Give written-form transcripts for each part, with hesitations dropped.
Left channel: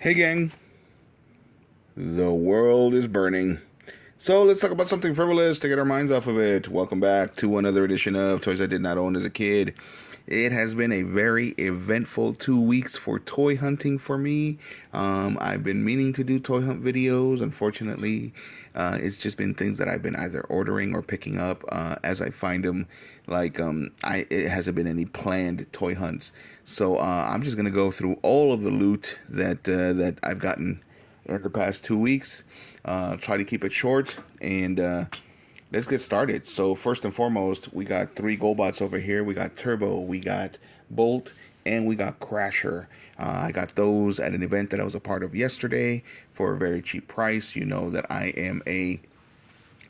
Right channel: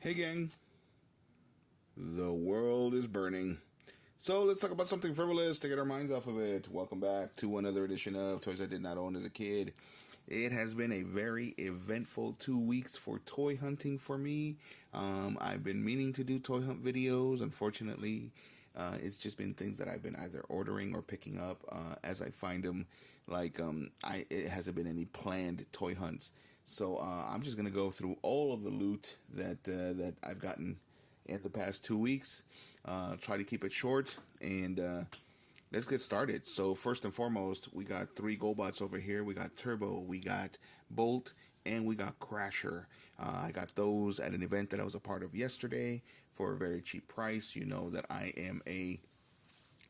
Hey gang, the world is burning. So let's talk about something frivolous to get our minds off of it. Welcome back to another edition of Toys I Did Not Own as a Kid. It has been a very eventful 2 weeks for toy hunting for me. I've been meaning to do toy hunt videos. Unfortunately, it's just been things that I've been either ordering or picking up as I find them. It hasn't been any planned toy hunts. So I'm just gonna go through all of the loot that I've gotten in the past 2 weeks. Try to keep it short and let's get started. So first and foremost, we got three GoBots over here. We got Turbo, we got Bolt, and we got Crasher. I got those at an event that I was a part of yesterday for a very cheap price. You know that I am a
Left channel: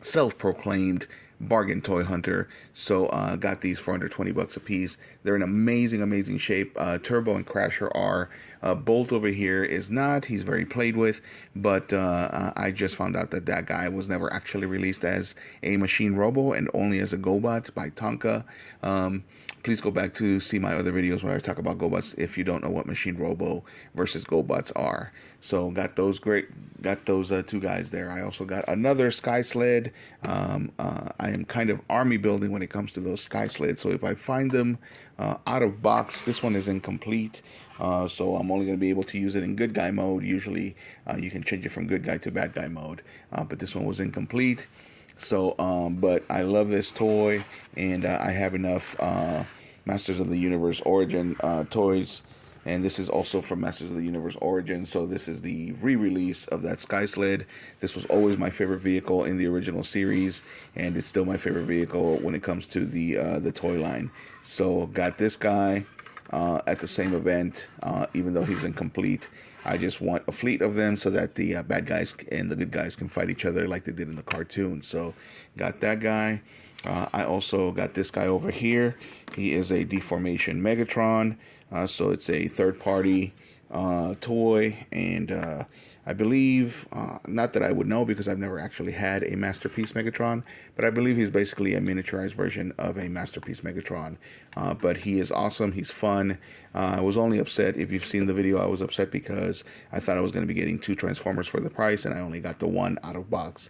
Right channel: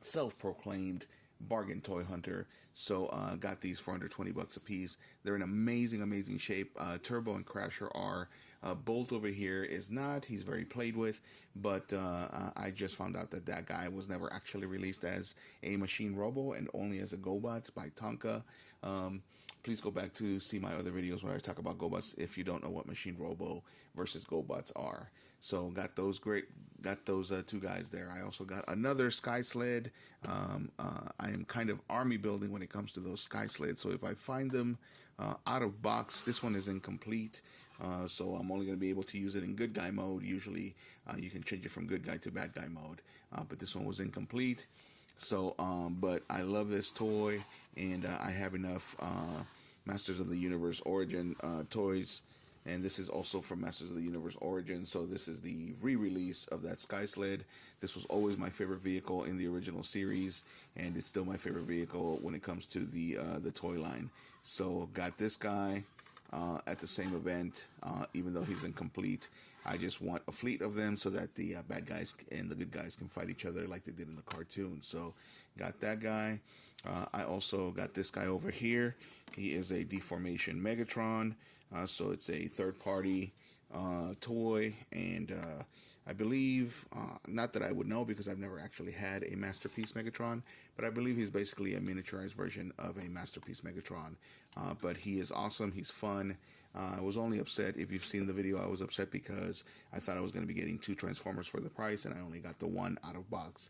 self-proclaimed bargain toy hunter, so got these for under 20 bucks a piece. They're in amazing shape. Turbo and Crasher are. Bolt over here is not. He's very played with, but I just found out that that guy was never actually released as a machine robo and only as a GoBot by Tonka. Please go back to see my other videos where I talk about GoBots if you don't know what machine robo versus GoBots are. So got those two guys there. I also got another Sky Sled. I am kind of army building when it comes to those Sky Sleds. So if I find them out of box, this one is incomplete. So I'm only going to be able to use it in good guy mode. Usually you can change it from good guy to bad guy mode. But this one was incomplete. So, but I love this toy, and I have enough Masters of the Universe Origin toys, and this is also from Masters of the Universe Origin. So this is the re-release of that Sky Sled. This was always my favorite vehicle in the original series, and it's still my favorite vehicle when it comes to the toy line. So got this guy at the same event, even though he's incomplete. I just want a fleet of them so that the bad guys and the good guys can fight each other like they did in the cartoon. So, got that guy. I also got this guy over here. He is a Deformation Megatron. So it's a third-party toy, and I believe, not that I would know because I've never actually had a Masterpiece Megatron, but I believe he's basically a miniaturized version of a Masterpiece Megatron. But he is awesome. He's fun. I was only upset, if you've seen the video, I was upset because I thought I was going to be getting two Transformers for the price, and I only got the one out of box.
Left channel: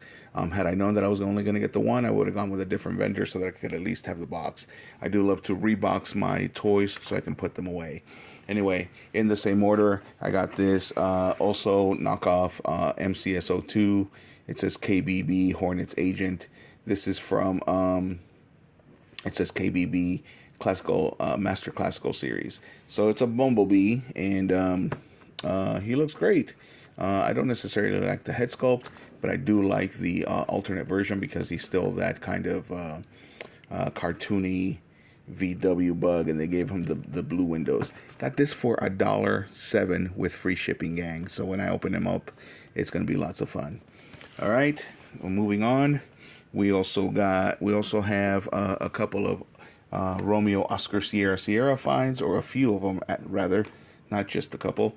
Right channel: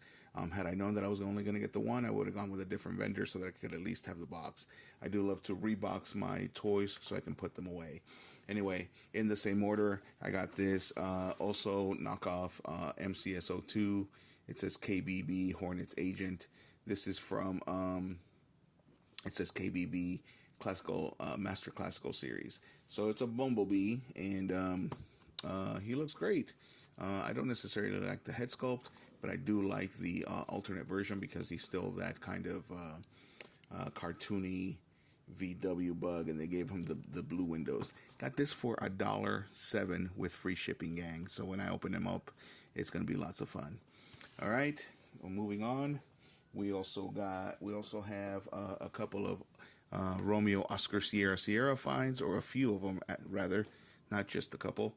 Had I known that I was only going to get the one, I would have gone with a different vendor so that I could at least have the box. I do love to rebox my toys so I can put them away. Anyway, in the same order, I got this also knockoff MCSO2. It says KBB Hornets Agent. This is from, it says KBB Classical, Master Classical Series. So it's a Bumblebee, and he looks great. I don't necessarily like the head sculpt, but I do like the alternate version because he's still that kind of cartoony VW bug, and they gave him the blue windows. Got this for $1.07 with free shipping, gang. So when I open him up, it's gonna be lots of fun. All right, well, moving on. We also have a couple of Romeo Oscar Sierra finds, or a few of them rather, not just a couple.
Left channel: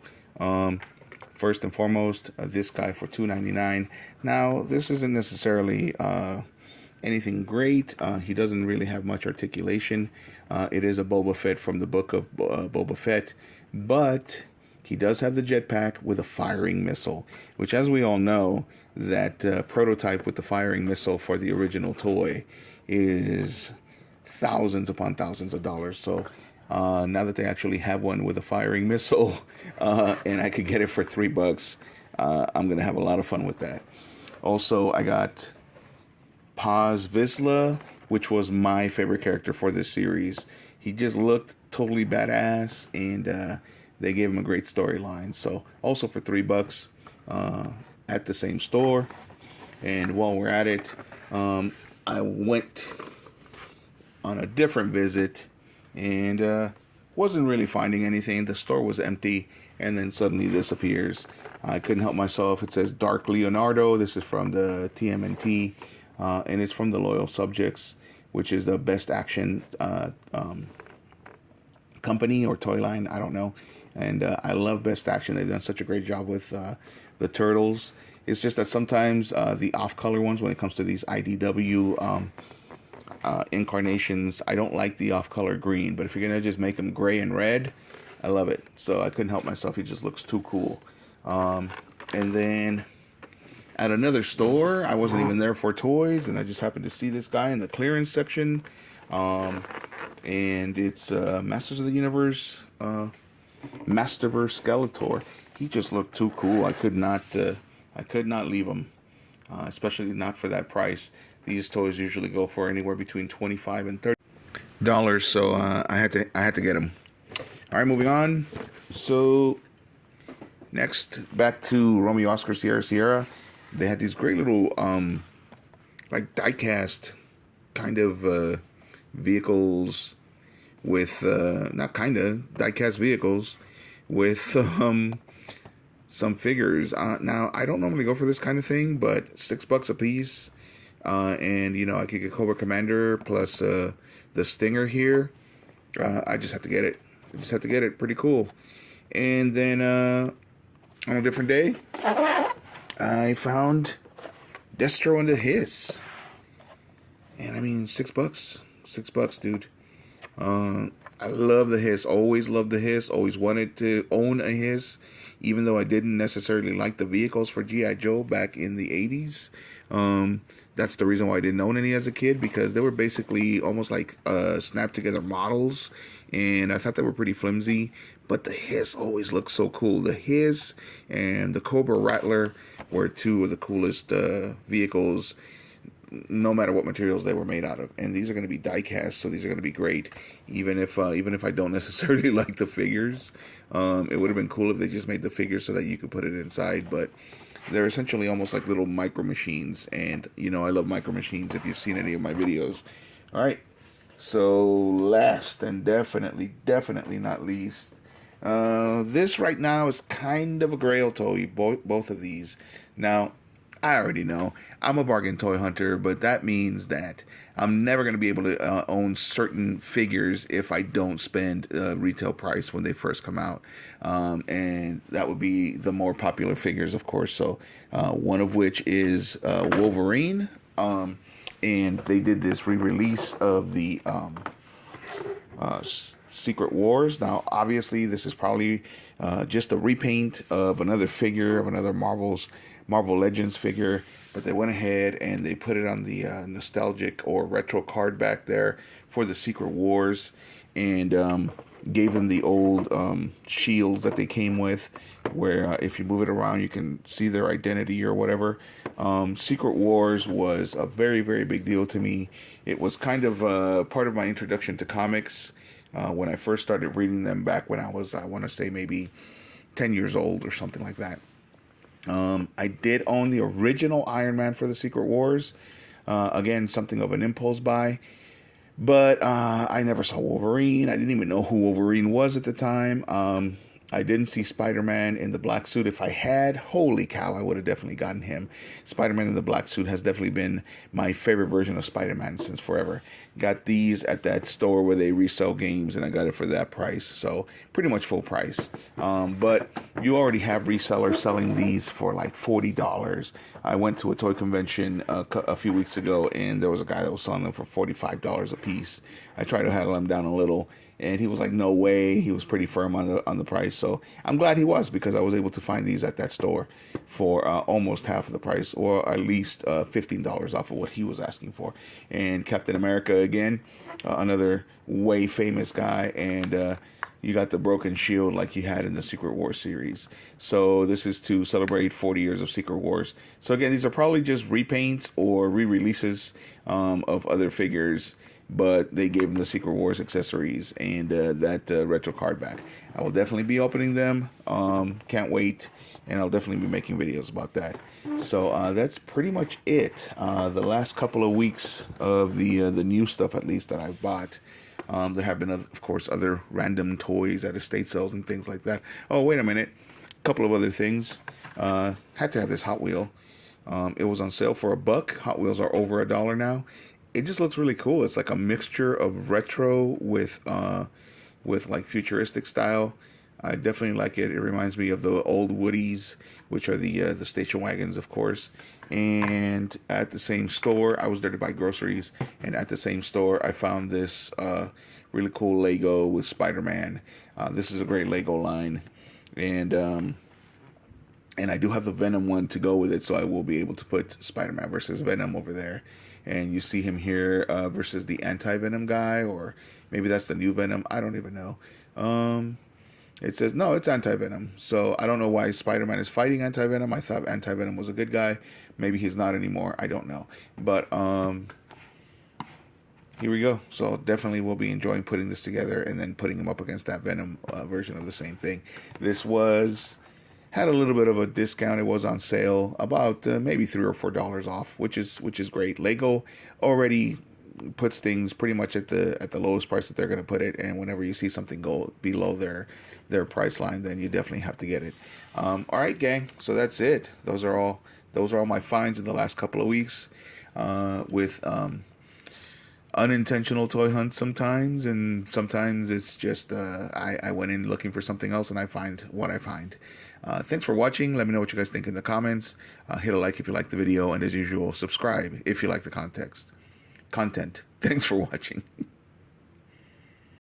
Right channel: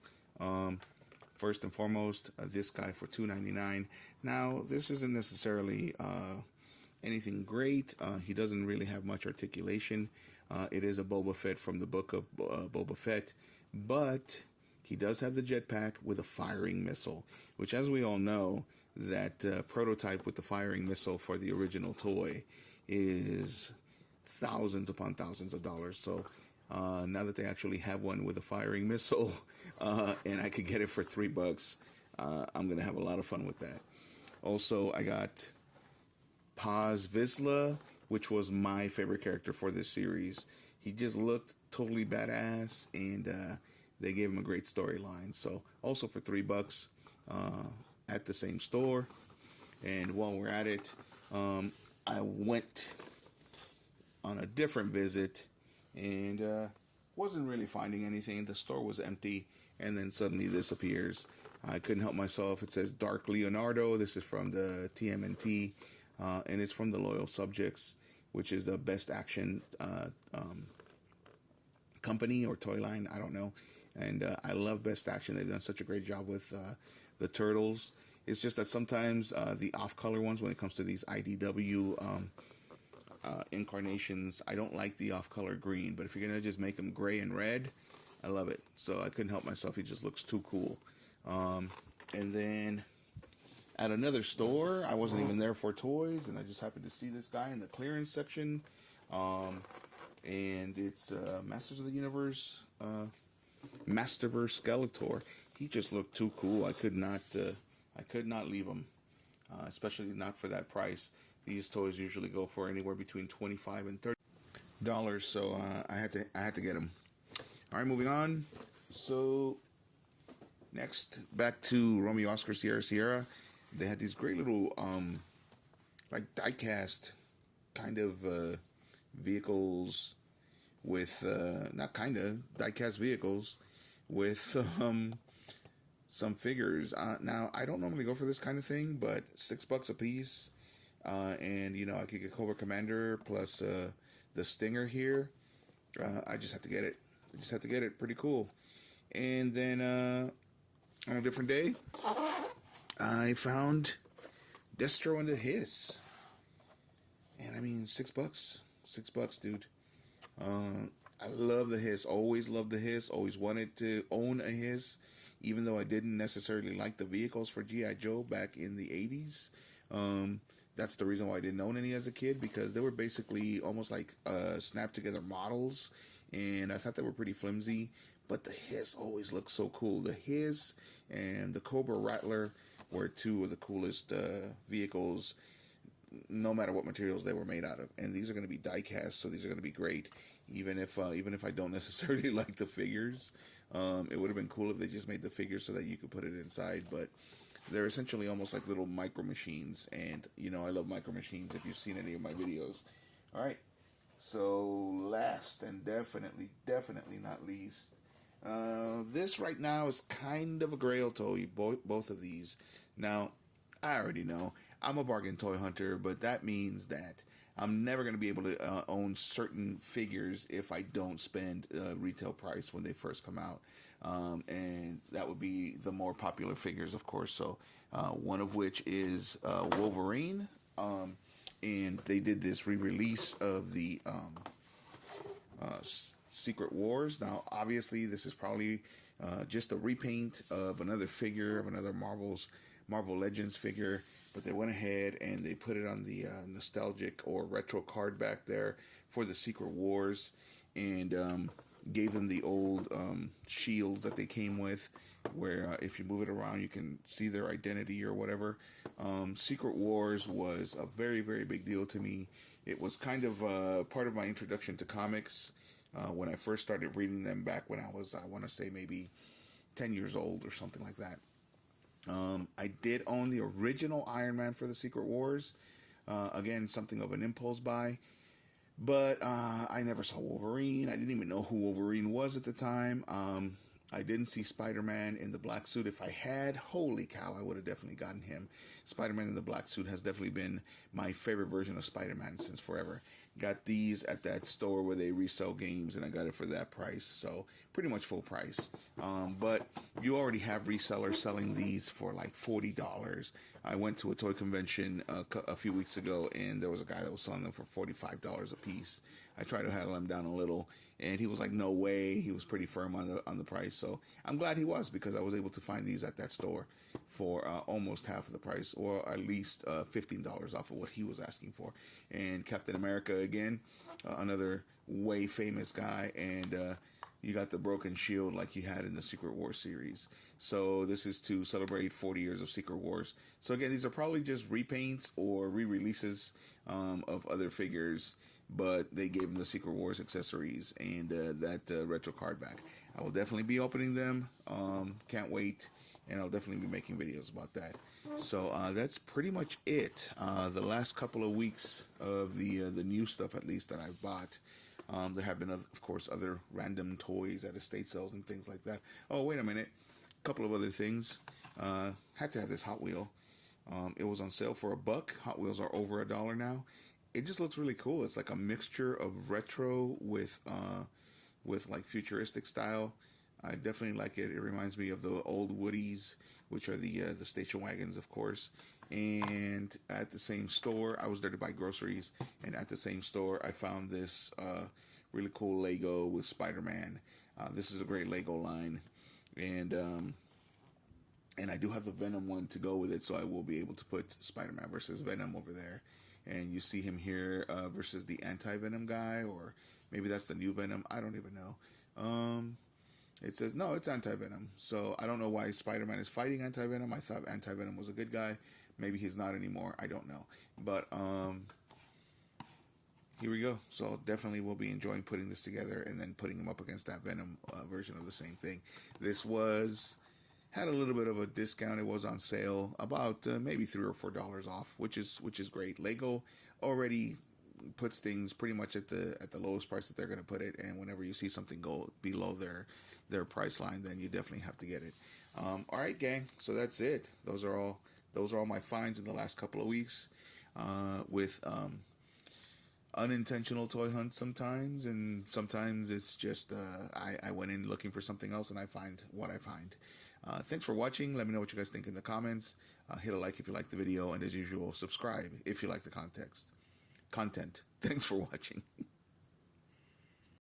First and foremost, this guy for $2.99. Now this isn't necessarily anything great. He doesn't really have much articulation. It is a Boba Fett from the book of Boba Fett, but he does have the jetpack with a firing missile, which, as we all know, that prototype with the firing missile for the original toy is thousands upon thousands of dollars. So now that they actually have one with a firing missile, and I could get it for $3, I'm gonna have a lot of fun with that. Also, I got Paz Vizsla, which was my favorite character for this series. He just looked totally badass, and they gave him a great storyline. So also for $3 at the same store. And while we're at it, I went on a different visit and wasn't really finding anything. The store was empty, and then suddenly this appears. I couldn't help myself. It says Dark Leonardo. This is from the TMNT, and it's from the Loyal Subjects, which is the best action company or toy line. I don't know. And I love Best Action. They've done such a great job with the Turtles. It's just that sometimes the off-color ones, when it comes to these IDW incarnations, I don't like the off-color green. But if you're going to just make them gray and red, I love it. So I couldn't help myself. He just looks too cool. And then at another store, I wasn't even there for toys, and I just happened to see this guy in the clearance section. Um, and it's Masters of the Universe, Masterverse Skeletor. He just looked too cool. I could not leave him, especially not for that price. These toys usually go for anywhere between $25 and $30, so I had to get him. All right, moving on. So next, back to Romeo Oscar Sierra Sierra. They had these great little like diecast kind of vehicles with not kind of diecast vehicles with some figures. Now I don't normally go for this kind of thing, but $6 a piece, and you know I could get Cobra Commander plus the Stinger here. I just have to get it. I just have to get it. Pretty cool. And then on a different day, I found Destro and the Hiss. And I mean, $6. $6, dude. I love the Hiss. Always loved the Hiss. Always wanted to own a Hiss, even though I didn't necessarily like the vehicles for G.I. Joe back in the 80s. That's the reason why I didn't own any as a kid, because they were basically almost like snapped together models, and I thought they were pretty flimsy. But the Hiss always looked so cool. The Hiss and the Cobra Rattler were two of the coolest vehicles, no matter what materials they were made out of. And these are going to be die cast, so these are going to be great. Even if I don't necessarily like the figures, it would have been cool if they just made the figures so that you could put it inside. But they're essentially almost like little micro machines, and you know I love micro machines. If you've seen any of my videos, all right. So last and definitely not least, this right now is kind of a grail toy. Both of these. Now, I already know I'm a bargain toy hunter, but that means that I'm never going to be able to own certain figures if I don't spend retail price when they first come out. And that would be the more popular figures, of course. So one of which is Wolverine. And they did this re-release of the Secret Wars. Now, obviously, this is probably just a repaint of another figure, of another Marvel Legends figure, but they went ahead and they put it on the nostalgic or retro card back there for the Secret Wars, and gave them the old shields that they came with, where if you move it around you can see their identity or whatever. Secret Wars was a very, very big deal to me. It was kind of part of my introduction to comics when I first started reading them back when I was, I want to say, maybe 10 years old or something like that. I did own the original Iron Man for the Secret Wars. Again, something of an impulse buy. But I never saw Wolverine. I didn't even know who Wolverine was at the time. I didn't see Spider-Man in the black suit. If I had, holy cow, I would have definitely gotten him. Spider-Man in the black suit has definitely been my favorite version of Spider-Man since forever. Got these at that store where they resell games, and I got it for that price. So pretty much full price. But you already have resellers selling these for like $40. I went to a toy convention a few weeks ago, and there was a guy that was selling them for $45 a piece. I tried to haggle him down a little, and he was like, "No way." He was pretty firm on the price. So I'm glad he was, because I was able to find these at that store for almost half of the price, or at least $15 off of what he was asking for. And Captain America again, another way famous guy, and you got the broken shield like you had in the Secret Wars series. So this is to celebrate 40 years of Secret Wars. So again, these are probably just repaints or re-releases of other figures, but they gave them the Secret Wars accessories and that retro card back. I will definitely be opening them. Can't wait, and I'll definitely be making videos about that. So that's pretty much it. The last couple of weeks of the new stuff, at least, that I've bought. There have been, of course, other random toys at estate sales and things like that. Oh, wait a minute. A couple of other things. Had to have this Hot Wheel. It was on sale for $1. Hot Wheels are over $1 now. It just looks really cool. It's like a mixture of retro with like futuristic style. I definitely like it. It reminds me of the old Woodies, which are the station wagons, of course. And at the same store, I was there to buy groceries, and at the same store, I found this really cool Lego with Spider-Man. This is a great Lego line, and And I do have the Venom one to go with it, so I will be able to put Spider-Man versus Venom over there. And you see him here versus the anti-Venom guy, or maybe that's the new Venom. I don't even know. It says, no, it's anti-Venom. So I don't know why Spider-Man is fighting anti-Venom. I thought anti-Venom was a good guy. Maybe he's not anymore. I don't know. But here we go. So definitely we'll be enjoying putting this together and then putting him up against that Venom version of the same thing. This had a little bit of a discount. It was on sale, about maybe $3 or $4 off, which is great. Lego already puts things pretty much at the lowest price that they're going to put it, and whenever you see something go below their price line, then you definitely have to get it. All right, gang. So that's it. Those are all my finds in the last couple of weeks. With unintentional toy hunts sometimes, and sometimes it's just I went in looking for something else and I find what I find. Thanks for watching. Let me know what you guys think in the comments. Hit a like if you like the video, and as usual, subscribe if you like the content. Thanks for watching.